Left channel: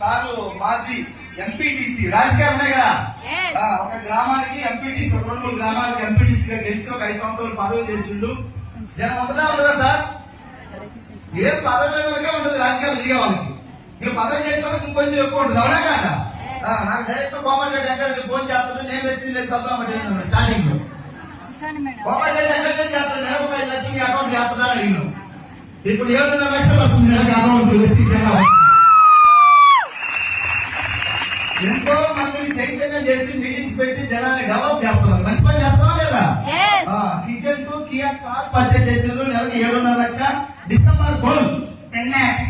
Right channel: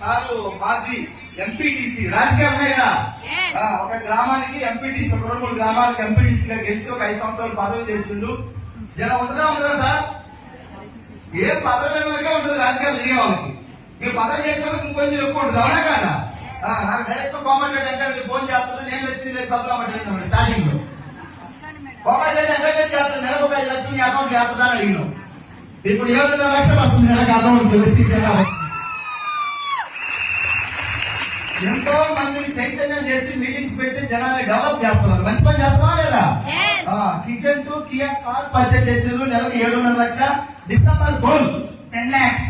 Sir మాజీ MPTC రాజకీయాలు ఉన్నాయి కదా, ఒక గ్రామానికి ఎంపీటీసీ, ఒక 2-3 గ్రామాలకు ఎంపీటీసీగా గెలిచి ఒక 5 సంవత్సరాలు పదవి చేసిండు. జనం ఉండదా సార్? ఏ పదవి ఉండదు రాజకీయాలు దిగే వాళ్ళకి. మీరు పదవి చేసే వాళ్ళకి ఇంకొంచెం ఎక్కువ ఉంటుంది, అవునా కాదా? నాకు డైరెక్ట్ కోమటిరెడ్డి వెంకటరెడ్డి ఫోన్ చేస్తుంటే నేను వచ్చి సబ్లమెంట్ స్టార్టింగ్ లో కోమటిరెడ్డి వెంకటరెడ్డి చేస్తాను, నెలకు 5 లక్షలు నీ అకౌంట్ చేస్తున్నాను అడిగిన. ఇప్పుడు 7.5 లక్షలు వస్తుంది నెలకు అకౌంట్. ఎంతో మందిని చైతన్యం చేసి మీటింగ్స్ పెట్టి జనాన్ని డెవలప్ చేస్తున్నారు. మంచి పని చేస్తున్నావా లేదా? Kitchen to Kia car purchase చేసారు, నెలకు 7.5 లక్ష. December goal 10 lakhs.